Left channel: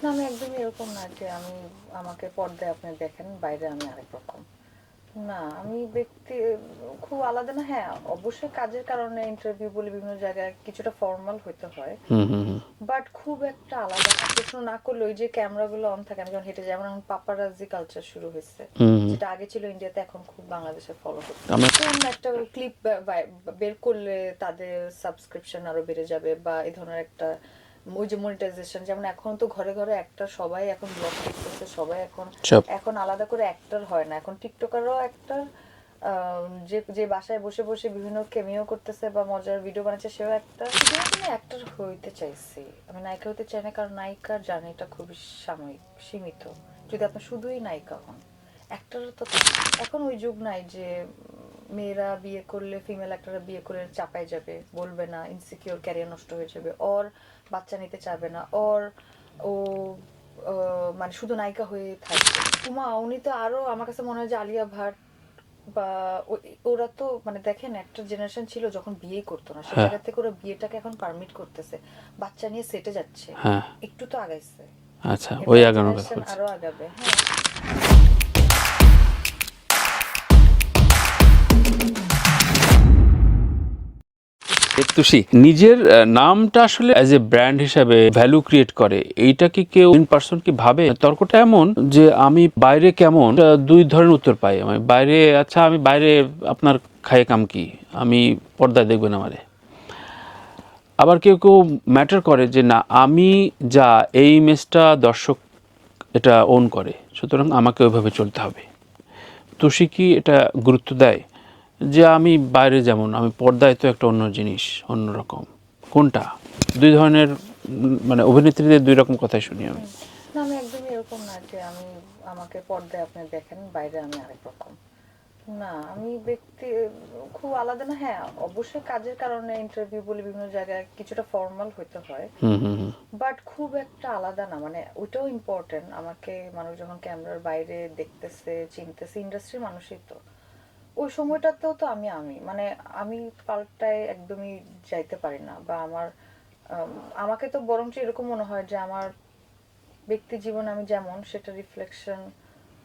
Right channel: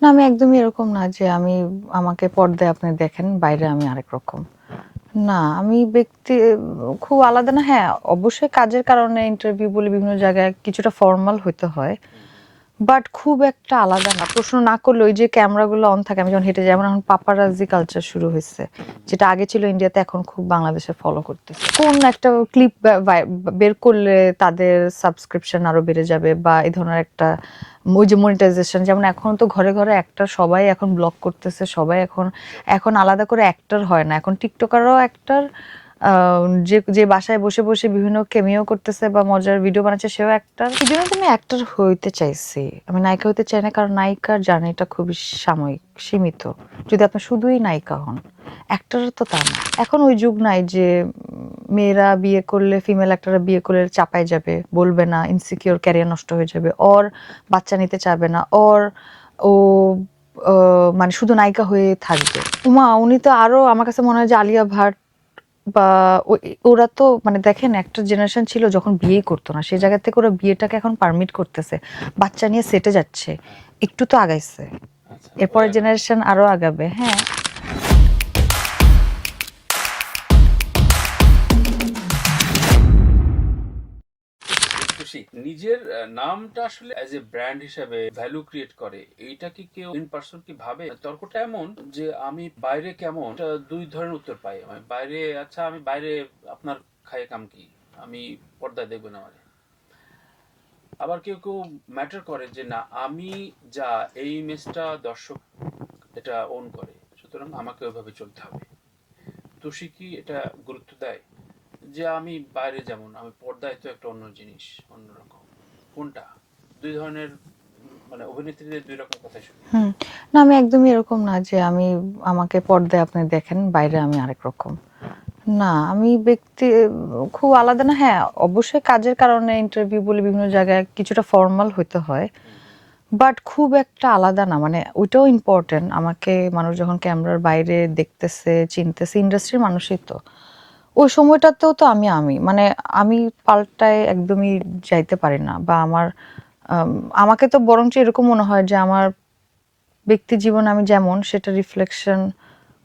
না, আমি একদমই এরকম না যে আমাকে পর্দায় আপনি দেখেন, বাইরে আমি আরেক রকম। না, আমি খুব আলাদা না। হ্যাঁ, অবশ্যই কাজের কারণে ইন্টারভিউ বলে বিভিন্ন জায়গায় কিছুটা ফর্মাল হইতে হয়। হুম, হুম, হুম। বাট খুব একটা আলাদা না। প্রশ্ন না করলে ওই যে ক্যামেরাগুলো অন থাকে, আমি যখন হেঁটে যাই, যেমন এখন পাপারাজি কালচার শুরু হইছে। হুম, যেটা আগে ছিল ইন্ডিয়াতে, এখন খুব বাংলাদেশে ফলো করতেছে। আমরা কোন একটা ক্লিপ বের করলে তাদের সাবস্ক্রিপশন আরো বেড়ে যাবে, বা এই ধরনের একটা ওই যে মনিটাইজেশন, যেমন এখন তো ঘরে ঘরে অ্যাক্টর সবাই এখন ব্লগ করতেছে, সবাই এখন সব এখন আলাদা করে অ্যাক্টর হয় না, এখন টিকটকারও অ্যাক্টর। যে যে বাসায় বসে বসে বিভিন্ন কেমিও করতেছে বা মজার ভিডিও বানাচ্ছে, সেও অ্যাক্টর। এই জন্য তো আমি অ্যাক্টর হইতে চাইছি, আমি নায়িকা হতে চাই না, কারণ নায়িকার জার্নিটা খুবই সাময়িক, সীমিত। যদি আপনি শুধুই নায়িকা হন, অ্যাক্টর তো তা না। এখন ওই যুগ নাই যে মেয়েরা বিয়ে করলে, ফিমেল অ্যাক্টররা বিয়ে করলে চাপায় যাবে, বলবে না, ইনসিকিউর, ক্যারিয়ার নষ্ট হয়ে যাবে, ওর বাচ্চা নিতে চাবে না, ও মানে শুধু নায়িকা হয়ে থাকবে। উনি তো আরো, আমার কাছে মনে হয় যে আলিয়া ভাট বা ওরা তো মানে দেখেন, একটা জেনারেশন ছিল যখন বিয়েই করতো না, সেই হ্যাঁ, জায়গা থেকে ওরা বিয়েটাকে এখন পারমিট করতেছে, বাচ্চা নিয়ে সেটে যাচ্ছে। হ্যাঁ। একটু তো আগাইছে, আচ্ছা, ওই এরপর আগানোর কথা জেনারেশন বলছি। আরো আগাবে। হ্যাঁ। তুষি নিজের নামটা আসলে অ্যাজ এ ব্র্যান্ড হিসাবে ভ্যালু ক্রিয়েট করে, এইটা কি কেউ ইন পার্সন কি ভাবে? তর্কটা এমন যে আমি বাইরে কেমন, দুই ধরনের উত্তর পাই আমি বাইরে। আচ্ছা, আমি বাইরে আপনার খায়ে কাম কি, আমি পর্দায় দেখবেন আমারে। আবার কেউ কেউ ম্যাটার করে যে না, আমি যা এই ইমেজটা দর্শক এটা ওন করে, সুতরাং আমাকে ওইভাবে চলতে হবে। তুষি কি এটা গুরুত্ব দেয় যে আমি বাইরে যেমন, আমি পর্দায় তো একটা অন্য জিনিস, অন্যরকম? কোনটা? দুই ধরনের মানে অভিনেত্রীদের দুই রকম কথাই শুনি আমি। হুম। না, আমি একদমই এরকম না যে আমাকে পর্দায় আপনি দেখেন, বাইরে আমি আরেক রকম। না, আমি খুব আলাদা না। হ্যাঁ, অবশ্যই কাজের কারণে ইন্টারভিউ বলে বিভিন্ন জায়গায় কিছুটা ফর্মাল হইতে হয়। হুম, হুম, হুম। বাট খুব একটা আলাদা না, মানে ওইটাও ইম্পর্টেন্ট। আমাকে মানুষ যখন ক্যামেরার বাইরে দেখতেছে, চিনতেছে, ইন্ডাস্ট্রির মানুষই তো, ওই সময়টাতেও তো আমি মানে আমি পাল্টায় একদমই যাইতে পারি না, বা আম, আমাকে তো বরঞ্চ এরকম মনে হয় যে আমার ব্যক্তি জীবন আমি যেমন, সেটা রিফ্লেকশন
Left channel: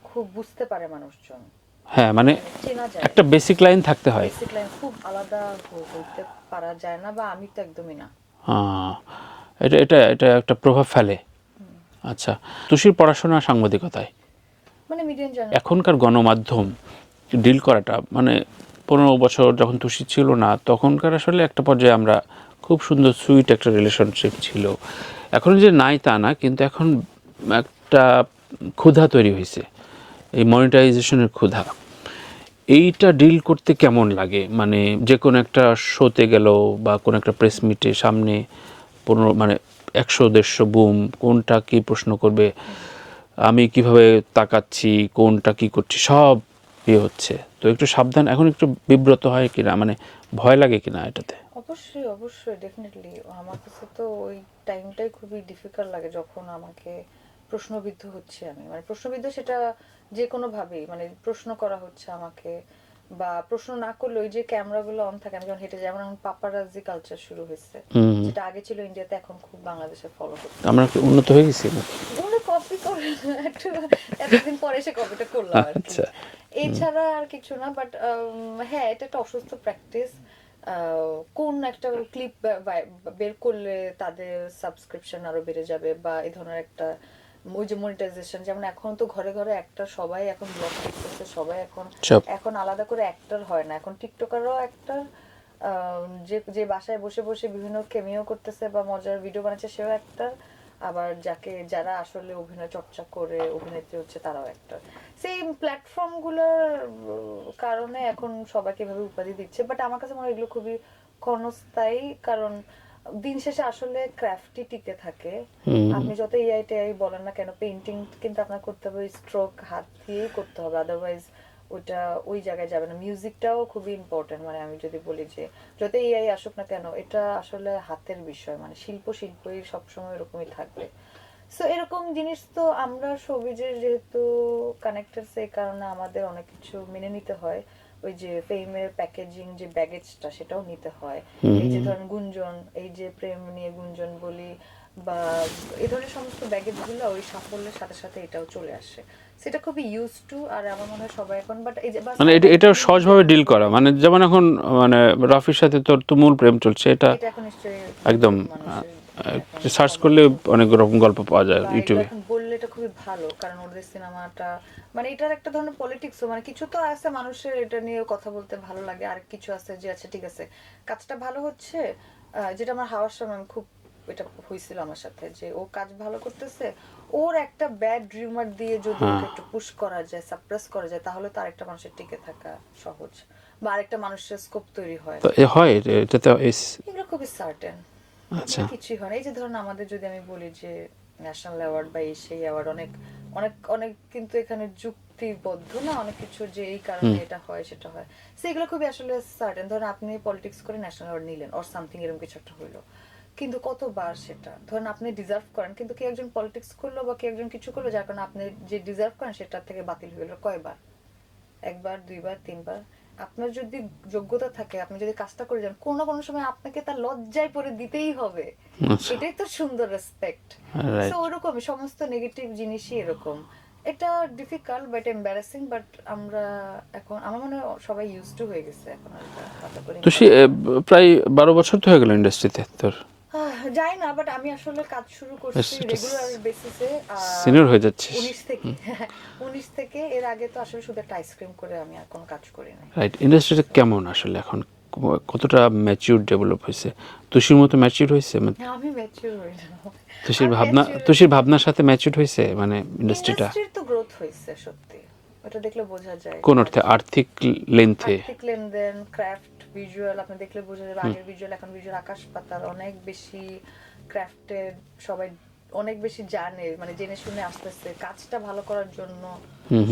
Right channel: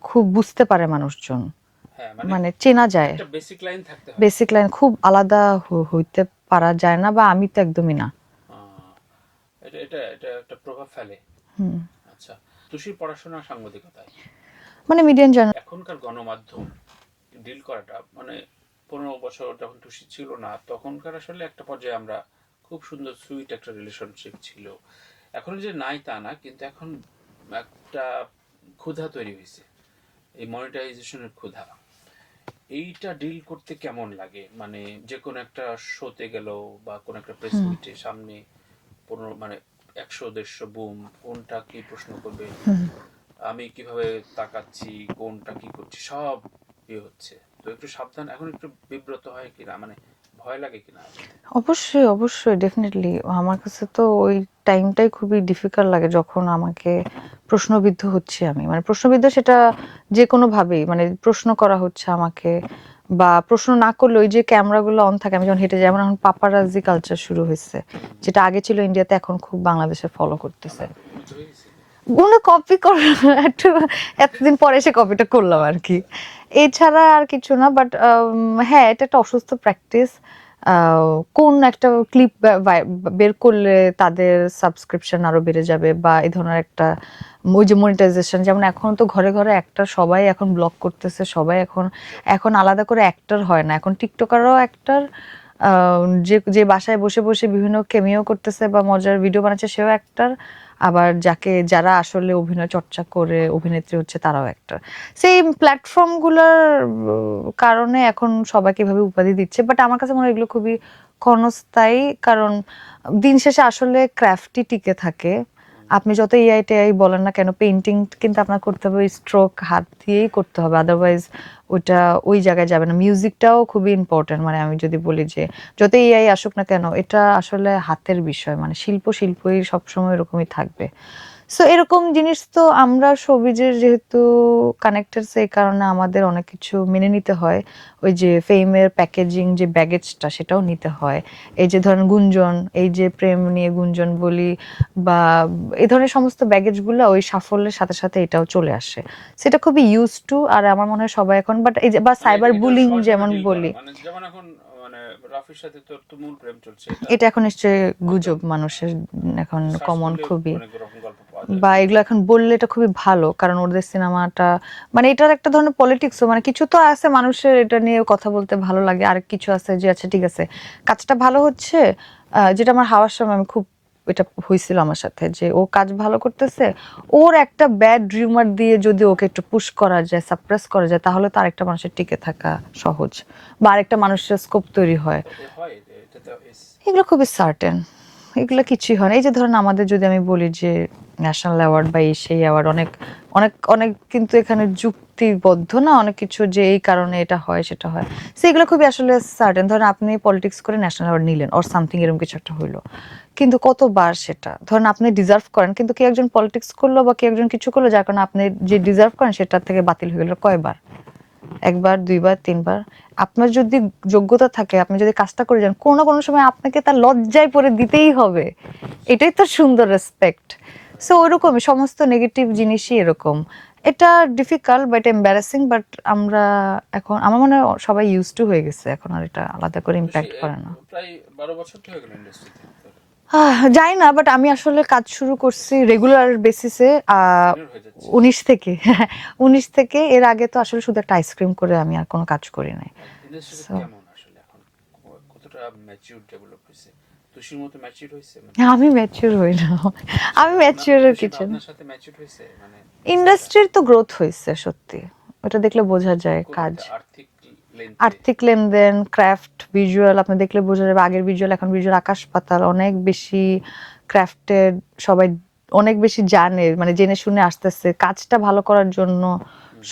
খুব বুঝতে পারে মানুষজন, হ্যাঁ, মানে মানে চেনা যায়। একটা বেসিক লাইন থাকতে হয়। বেসিক লাইন খুব আলাদা হইতে পারা যায় না, বা আমি তো একদমই না। আহ, এটা এটা এটা একটা প্রভাব ফেলে। আচ্ছা, তুষির পড়াশোনা সাংবাদিকতায়, মানে মিডিয়ান জার্নাল। এখনকার গণমাধ্যম ডিল করাটা মানে 15 বছর যখন তুষি ছিল না, তখনকার আসলে একটা পর্যায়ে আমরা খুব সুন্দর সুইট একটা রিলেশনশিপ ছিল। এখন যে নাই তা না, কিন্তু এখন একটা ক্ষুধা তৈরি হয়েছে, এই মনিটাইজেশনের ক্ষুধা। এইটা ডিল করতে কেমন লাগে? মানে যে কোনো একটা শোতে গেল বা কোনো একটা প্রেস মিটে সামনে 15 মানে 100-150 বুম, কোনটা কি প্রশ্ন করবে, আমি কিভাবে তাকাচ্ছি, কোনটা কি করছি, সব ইয়ে হচ্ছে। তো একটু সাবধান, এখন একটু বিব্রত হয় কিনা, মানে ভয় লাগে কিনা এটাতে? অবশ্যই, অবশ্যই, ডেফিনেটলি। আমার কাছে তো ওই টাইমটাই খুবই ডিফিকাল্ট লাগে, যখন আমাকে প্রশ্নবিদ্ধ হচ্ছে, আমি মানে প্রশ্নবিদ্ধ, সেটা যে কোনো ভাবেই, মানে প্রশ্ন করা হচ্ছে আমাকে, বা প্রশ্ন না করলে ওই যে ক্যামেরাগুলো অন থাকে, আমি যখন হেঁটে যাই, যেমন এখন পাপারাজি কালচার শুরু হয়েছে। হুম। যেটা আগে ছিল ইন্ডিয়াতে, এখন খুব বাংলাদেশে ফলো করতেছে। আমরা কি উন্নত হয়ে গেছি নাকি? কোনো কপি করা একটু, এতদিন পরে এসে কপিটা করলাম আর কি। আচ্ছা। এছাড়া আর কিছু না। বাট হ্যাঁ, এটা একটা অসুস্থ প্র্যাকটিস। কোন একটা ক্লিপ বের করলে তাদের সাবস্ক্রিপশন আরো বেড়ে যাবে, বা এই ধরনের একটা ওই যে মনিটাইজেশন, যেমন এখন তো ঘরে ঘরে অ্যাক্টর সবাই এখন ব্লগ করতেছে, সবাই এখন সব এখন আলাদা করে অ্যাক্টর হয় না, এখন টিকটকারও অ্যাক্টর। যে যে বাসায় বসে বসে বিভিন্ন কেমিও করতেছে বা মজার ভিডিও বানাচ্ছে, সেও অ্যাক্টর। আবার যারা আসলে অভিনয় চর্চা করে অভিনেত্রী হচ্ছে, তারাও একটা। সেই প্ল্যাটফর্মগুলোর কারণে এখন সবাইকে এভাবে উপাধি দিচ্ছে, বাট আমার কাছে মনে হয় এগুলো খুবই ক্ষণস্থায়ী। কারণ দিন শেষে আসলে ক্রাফটই টিকে থাকে। আপনি যত এআই টেআই বলেন না কেন, পেইন্টিং কিন্তু আপনার করতে হবে স্ট্রোক হাত দিয়েই করতে হবে, আদারওয়াইজ ওটা ওই জায়গায় যাবে না। মিউজিকটাও খুবই ইম্পর্টেন্ট, মানে আমি যদি বলি যে যত এআই আসুক না কেন, এটা আসলে হাতের বিষয়, মানে শিল্পই সবসময় এরকমই থাকবে। সো এরকম জিনিস তো আমরা শোবিজের যেহেতু কানেক্টেড, সেই কারণে আমাদের অনেক কিছু মেনে নিতে হয়। ওই যে ফেমের প্যাকেজিং যে ব্যাগেজটা সেটাও নিতে হয়। এই যে ধরেন গুঞ্জন, এই যে প্রেম নিয়ে গুঞ্জন বলি বা এই ধরনের সমস্ত ব্যাগেজগুলো ওই সাফল্যের সাথে সাথে এটাও চলে আসে, সেটা খুবই ইউজ টু। আর আমার মনে হয় সবাই এখন, বাট এই যে বা মানে সাইবার এটা বুলিং সহজভাবে যেমন ডিল করা, বলি, মানে যেমন এখন মানে রফির সাথে তোর তুমুল প্রেম চলছে, এটা এটা এখন নিশ্চয়ই একদম গুজব মানুষের এখন সার্চ কমন করলে খুবই, অনেক রকম গল্প পাওয়া যায় বা এগুলো ইউটিউবে। এখন বললে এটা খুবই ভালো, কারণ ওদের সিনেমাটা মানে এটার একটা ধরনের পলিটিক্সও, মানে কিছু তো আছে মানুষের এটা নিয়ে কথা বলতে ভালো লাগে, আর কিছু আছে যে আচ্ছা ঠিক আছে কাজটা ভালো হচ্ছে। যেটা আমার হাওয়ার সময় আমি খুব, এটা হয়েছিল আমার সাথে যে ও কাজ ভালো করতেছে, ওর একটা ব্যাড রিউমার দিয়ে যদি ওকে একটু পুশ করা যায়, সাপ্রেস করা যায়, তাহলে তো আরেকটা মানুষের টিকে থাকা সহজ, বা আরেকটা মানুষের স্কোপ তৈরি হয়। তো এ হয় এটাতে এগুলো খুবই সার্টেন, এগুলো আচ্ছা। কিছুই হয় না। এই যে ধরেন আমাদের যদি আমি বলি যে ন্যাশনাল অ্যাওয়ার্ড বা এই সেই অ্যাওয়ার্ড, অনেক অনেক অনেক কিন্তু এখানে যুক্তিবদ্ধ না অনেক কিছু, যে এই কারণে এটা হয় সেটা হয়, সেগুলো খুবই আসলে সার্টেন। ধরেন আপনি পলিটিক্স করে ন্যাশনাল অ্যাওয়ার্ড নিলেন অর সামথিং এরকম কিছু একটা হইলো, কিন্তু কতবার সেটা ধরেন আপনি ডিজার্ভ করেন, কিন্তু কেউ একজন পলিটিক্স করলো বা কেউ একজন কিছু করলো যার কারণে আপনি যে ডিজার্ভ করেন সেটার থেকে বাতিল হয়ে গেল কয়বার, একবার, দুইবার, তিনবার। আপনার যদি যোগ্যতা থাকে, আপনি যদি কাজটা করে যান, কোনো না কোনো সময় আপনাকে তার লজ্জায় পড়ে দিতেই হবে। আচ্ছা, এটাই তো সুন্দর রেসপেক্ট। So right. ওইরকমই সমস্ত নেগেটিভ জিনিসই এরকম। এটা ডিফিকাল্ট বাট এম্বারাসিং, বাট আমরা এখন আমার মনে হয় সবাই ইউজ টু হয়ে গেছে, এখন আর এটা আলাদা করে তো সে ইম্প্যাক্ট করে না। প্রায় 12 বছর তো হয়ে গেল ইন্ডাস্ট্রিতে তোর, জানি না, বাট আমি আসলে কাজ শুরু করছি রেগুলার বেসিসে সিনিয়র হয়ে যাচ্ছিস। 19 থেকে 19 থেকে। এর আগে তো আসলে শুধু একটা আইসক্রিম করে আমি আর কোনো কাজ করি নাই। রাইট। ইন্ডাস্ট্রিটা So, কেমন আসলে এখন, কতটা ম্যাচিউর ডেভেলপ হয়েছে? তুষির মতো ম্যাচিউর হয়েছে? মানে আমি ম্যাচিউর হই না, আমি ম্যাচিউরের তুষির কিছু না। ভাবনার সাথে ম্যাচিউর হয়েছে মানে ইন্ডাস্ট্রিটা? ইন্ডাস্ট্রির তো গ্রোথ হয়েছে সত্যি, ওটা দেখলে বোঝা যায়। কোন কাজ, অর্থে? আর্থিক লেন্থে? আর্থিক লেনদেন, ক্রাফট, ভিজুয়াল আপনি দেখলে বোঝা যাবে। আগের ভিজুয়াল এখন ভিজুয়াল আকাশ পাতাল, অনেক বেশি ক্রাফটেড, সবাই অনেক বেশি জানে, মানে জেনে শুনে আসতেছে কাজটা ভালো করার জন্য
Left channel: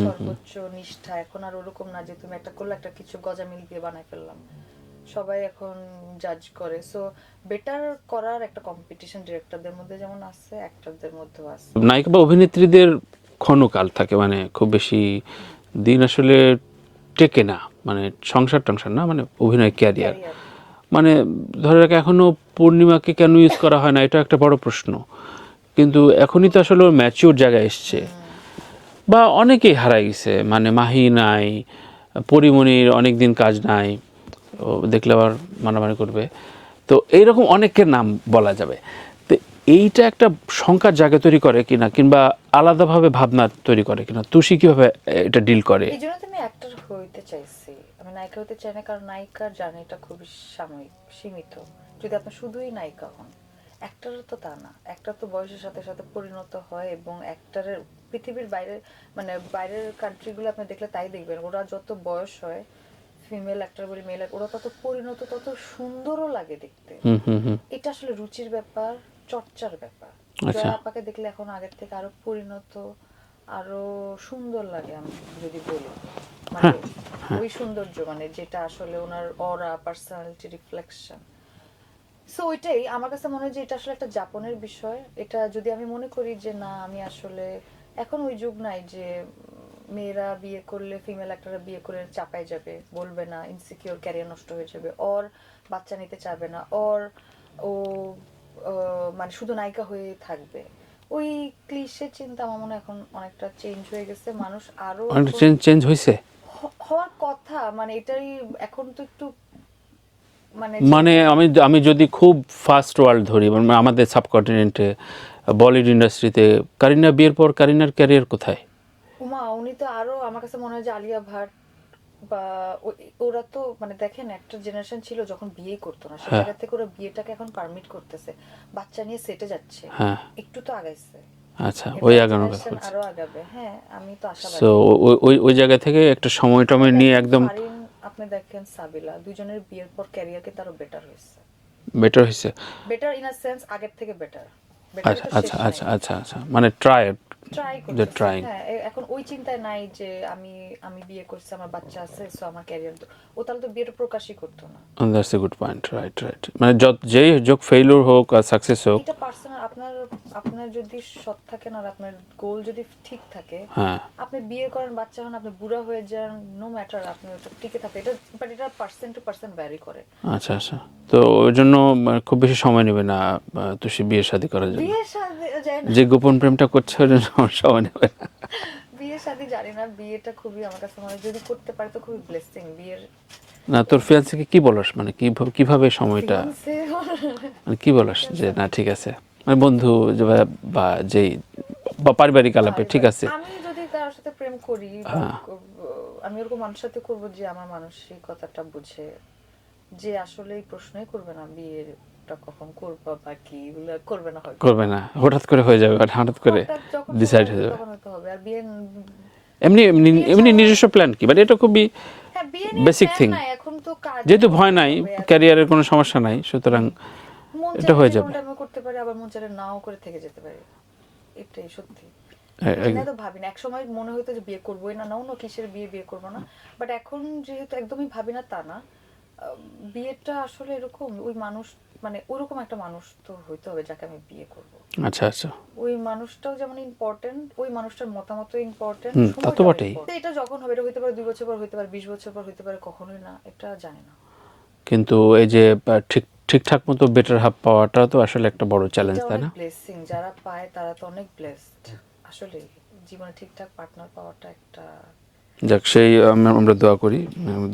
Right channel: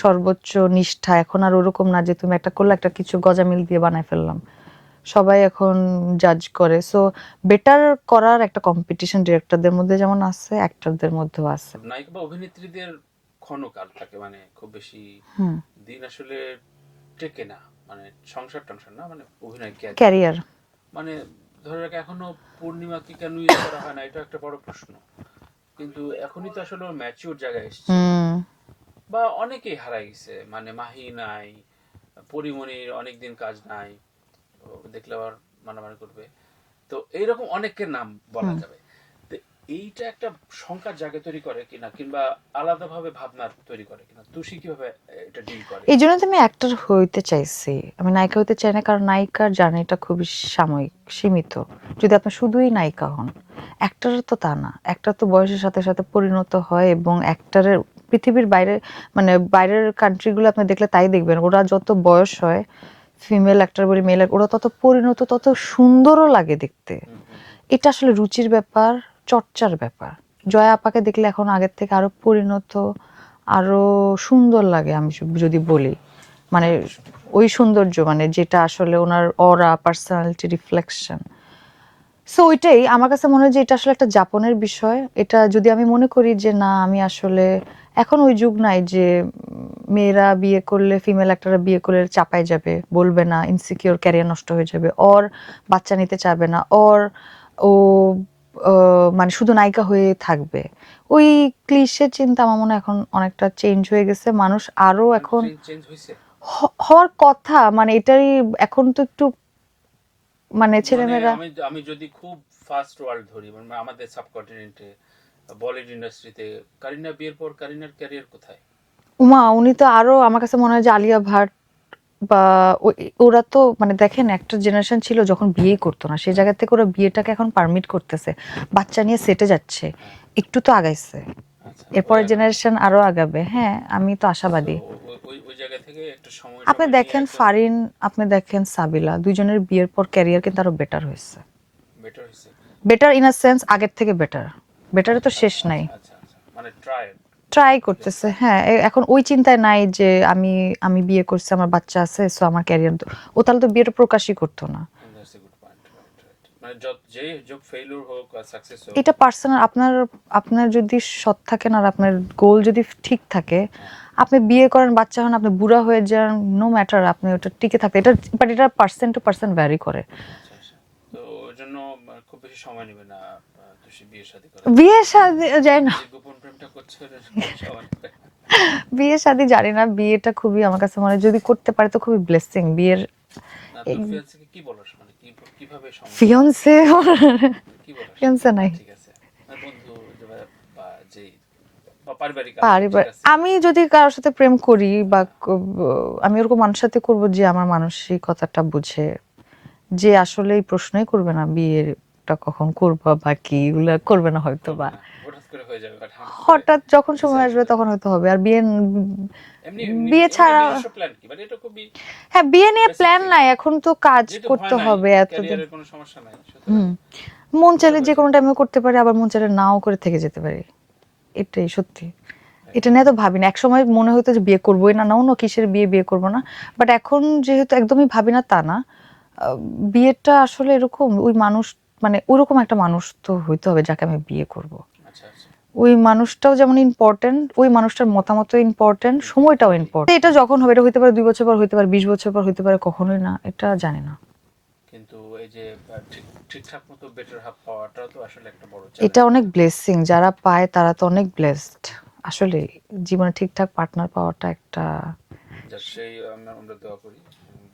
সর্বোচ্চ নিষ্ঠা। এখন আর ওরকম না যে তুমি একটা করলে একটা কিছু গজামিল দিয়ে বানায় ফেললাম, সবাই এখন জাজ করে। সো বেটার করার একটা কম্পিটিশন ডিরেক্টরদের মধ্যে যেমন আছে, অ্যাক্টরদের মধ্যেও আছে। নায়িকা বা অভিনেত্রীদের ক্ষণকাল থাকে, মানে খুব বেশি দিন আসলে টেকে না, মানে সংসার টংসার না, মানে অভিনয় ক্যারিয়ার। ক্যারিয়ার, মানে ধরে রাখ এখনো পূর্ণিমাকে কেন ইউজ করা হয় না, এটা একটা বড় প্রশ্ন। কিন্তু এখনই তো আসলে ম্যাচিওর জায়গায় এসছে, বা অনেকেই হারাই গেছে, মানে মাহি নাই, পরিমণির অনেক দিন কাজ নাই, ও দেখলে আবার মানামানি করবে। তো এইরকম অনেকের নাম বলা যাবে। তো এইটা একটা শঙ্কার জায়গা তৈরি করে কিনা, কিংবা আলাদাভাবে ভাবনা তৈরি করে কিনা, তুষি কিভাবে এটা ডিল করে? এই জন্য তো আমি অ্যাক্টর হইতে চাইছি, আমি নায়িকা হইতে চাই না, কারণ নায়িকার জার্নিটা খুবই সাময়িক, সীমিত। যদি আপনি শুধুই নায়িকা হন, অ্যাক্টর তো তা না। অ্যাক্টর তো বয়সের সাথে সাথে পরিণত হয়, এবং অ্যাক্টরের পৃথিবীর বাইরে, মানে বাইরের কান্ট্রিগুলো আপনি দেখলে তাই দেখবেন, ওরা যত বয়স হয়, ফিমেল অ্যাক্টর বলি মেল, ওরা তত পরিণত, তত সুন্দরও লাগে দেখতে। এটা আসলে রুচির ব্যাপার, চর্চার ব্যাপার। জয়া আপাকে দেখলে এখন আগের থেকে আরো পরিণত, আরো সুন্দর লাগে। আমি যদি বলি মানে ওই সৌন্দর্য, মানে যেটা আসলে ওনার অরা, পার্সোনালিটি, রিফ্লেকশন। সো ওইটাই আমার কাছে মনে হয় যে এটা আসলে একটা যাপনের বিষয়। এটা যদি আমি মনে করি যে না, আমি আসলে এখন ওই যুগ নাই যে মেয়েরা বিয়ে করলে, ফিমেল অ্যাক্টররা বিয়ে করলে চাপায় যাবে, বলবে না, ইনসিকিউর, ক্যারিয়ার নষ্ট হয়ে যাবে, ওর বাচ্চা নিতে চাবে না, ওর ও মানে শুধু নায়িকা হয়ে থাকবে, ওই ক্লিশে চিন্তা আমার মনে হয় এখন অনেকটা চেঞ্জ হয়ে গেছে। মানুষ আরো এখন চেঞ্জ হয়েছে, হওয়ার কথা, মানে এটাই এখন তো একটু মানে মানে ছেলেমেয়েরা। আমি যদি খুব ফার্স্ট ওয়ার্ল্ড ধরি, মানে আমাদের সাবকন্টিনেন্টে বলিউড ইন্ডাস্ট্রিতে কারিনা বিয়ের পর কারিনার ক্যারিয়ার কোথায়? উমা, উনি তো আরো, আমার কাছে মনে হয় যে আলিয়া ভাট বা ওরা তো মানে দেখেন একটা জেনারেশন ছিল যখন বিয়ে করতো না, সেই জায়গা থেকে ওরা বিয়েটাকে এখন পারমিট করতেছে, বাচ্চা নিয়ে সেটে যাচ্ছে, হ্যাঁ, একটু তো আগাইছে। আচ্ছা, ওই এরপর আগানোর জেনারেশন কথা। আরো আগাবে। হ্যাঁ, আমি তো সো আশাবাদী। ওই জায়গা থেকে একটা সময় আপনি টময় নিয়ে দেখেন একদম ফারিন, আপনি দেখেন সাবিলা, দুইজনের বিয়ের পর ক্যারিয়ার কিন্তু আরো বেটার হয়েছে। বেটার হয়েছে। বেটার ইন আ সেন্স, আগের থেকে বেটার। বেটারে আচ্ছা তো শেষ আচ্ছা নাই। আচ্ছা আচ্ছা আচ্ছা, মানে ট্রাই ট্রাই করতেছে, trying. হ্যাঁ এখন ওই চিন্তায় নাই যে আমি আমি বিয়ে করছি, আমার বাচ্চা আছে, সো আমার ক্যারিয়ার, ও তাহলে তো বিয়েটা প্রকাশই করতো না। That's a good point, right right. মানে যেই যোগ ফেইলিউর হোক আর সাকসেস হোক, এটা পার্সোনাল, আপনার আপনার যদি সৎ থাকেন আর আপনার গোল যদি ঠিক থাকে, হ্যাঁ আপনি বিয়ে করেন, বাচ্চা হন, আপনি বুড়া হয়ে যান, নো ম্যাটার, আপনি ওটা টিকে থাকতে, এটা বাট এটা পার্সেন্ট টু পার্সেন্ট ভ্যারি করে। আচ্ছা আচ্ছা। তো ওই জন্য খুব বেশি সময় নেবে না তুষি বিয়ে শাদী করার জন্য? বিয়ে শাদী যায় না, যে গোপন প্রেমটা করছে ওর জন্য সময় নেবে না। বিয়ে শাদী জানি না, বিয়েটা খুবই আমার কাছে মনে হয় যদি করতে পারে তো খুবই ব্লেসিং। বিয়ের না তোর ফিয়ান্সেকে কি বলস, মানে কিভাবে সময়টা, ফিয়ান্সে মানে কি বলস fiancé যে না নাই। ঠিক আছে, মানে বন্ধু বা যেই বা পারিবারিক আলাপে ঠিক আছে? আমি যদি কারোর সাথে প্রেম করি বা হ্যাঁ। আমি ওরকম মানুষের সাথে করব যে আমার মানসিকতাটা বুঝে, যে আসলে এই প্রশ্নই করবে না বিয়েটা কখন করবা বা কি, এগুলা করবে না হয়তো করবে বা। না, হঠাৎ করে হয়ে যাবে, আর হঠাৎ করে হঠাৎ যখন সময় decide হয়ে আসবে যাবে। তখন হয়তো হবে। আর বিয়ে, এমনি বিয়ে এমনি ছাড়া- নিজস্ব প্ল্যান কি, মানে এটা খুবই হ্যাঁ বিয়ে নিয়ে basic প্ল্যান thing. নাই, এখন তো কাজ যেহেতু ভয় করতে নাই, হবে, ক্যারিয়ারের কোনো সমস্যা নাই, সুতরাং মন চাইলে হয়ে যে কোনো যাবে। টাইমে করতে পারি, আবার মন চাইলে নাও করে থেকে যেতে পারি, এটাই সত্যি। এটা নিয়ে তো ভাবি না, একসময় মনে হতো যে বিয়ে করবোই না, নাও কিসের বিয়ে, বিয়ে করবো না, বাট এখন যেহেতু একদমই ভাবি না তা না, বিয়েটা আসলে এরকম ওই মানুষ, মানে ওইরকম একটা মানুষ তো হইতে হবে যাকে আমি বিয়ে করব, আচ্ছা আচ্ছা। ওই মানুষটাও যেমন ইম্পর্টেন্ট, ওই মানুষটার মতামতও ইম্পর্টেন্ট, তা তো সময়টাও বটেই। ইম্পর্টেন্ট। এটা যখন হবে, এটা হইতে পারে 2 বছর পর, হইতে পারে 20 বছর পর, হইতে পারে কখনোই না, এটা জানি না। কিন্তু এই যে ঠিকঠাক মতো বেটার হাফ পাওয়াটা তো আসলে একটা বড় চ্যালেঞ্জ। এটা অনেক ব্লেসিং, যারা পায় তারা তো অনেক ব্লেসড। আসলে জীবনে ঠিকঠাক পার্টনার পাওয়াটা একটা, যাক সেই আমরা দোয়া করি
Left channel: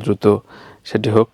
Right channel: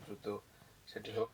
দ্রুত সেটি হোক।